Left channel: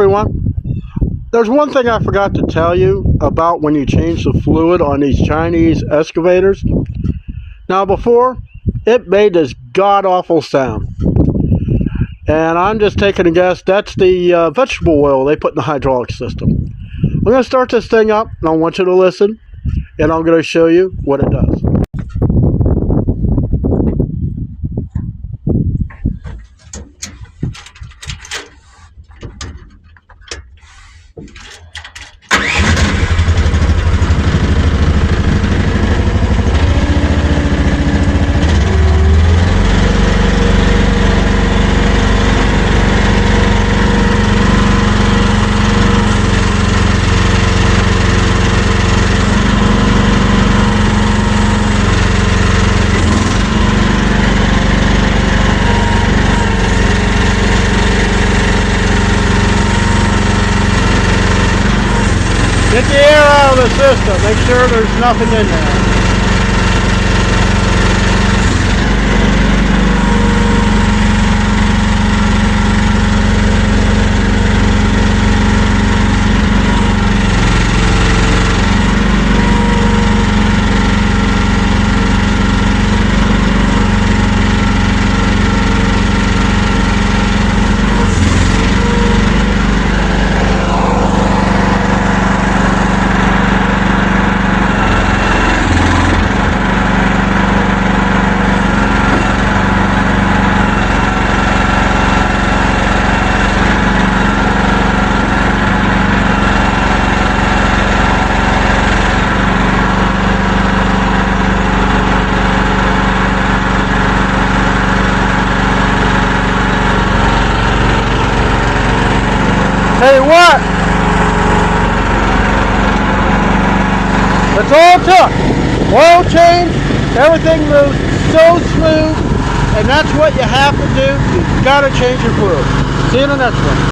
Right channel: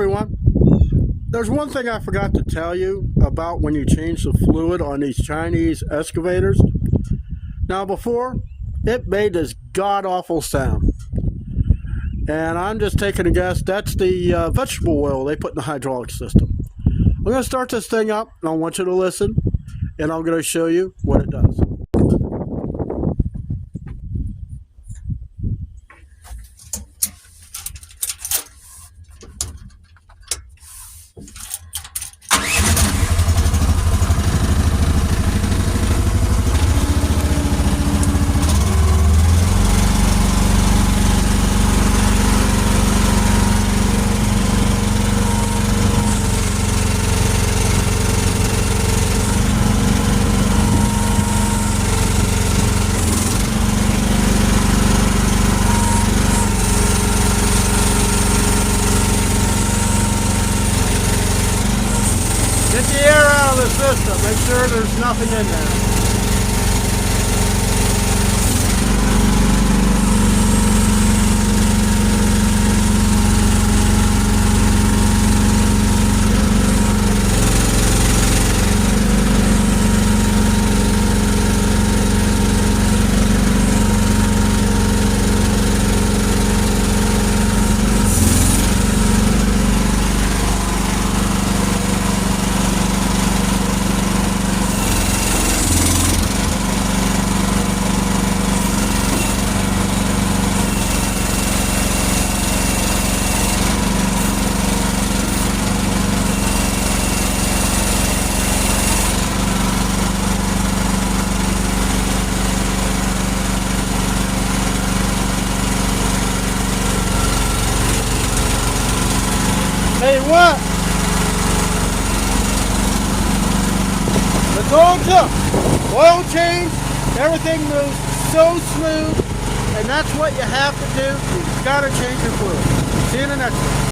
everyone. There's one thing I forgot to tell you about when you change the fluid on these Chinese excavators. Now before, it made this god-awful sound. And I'm just taking a guess, that's the vegetable oil they put in the hydraulic system. I'm going to start this thing up, and I want you to listen, and I'm going to show you what it does. Get the air out of the system. Make sure there's nothing in there. Tell you what, that's all it took. Oil change, everything moves so smooth, and that's what you have to do. You've got to change your fluid. See you in the next one.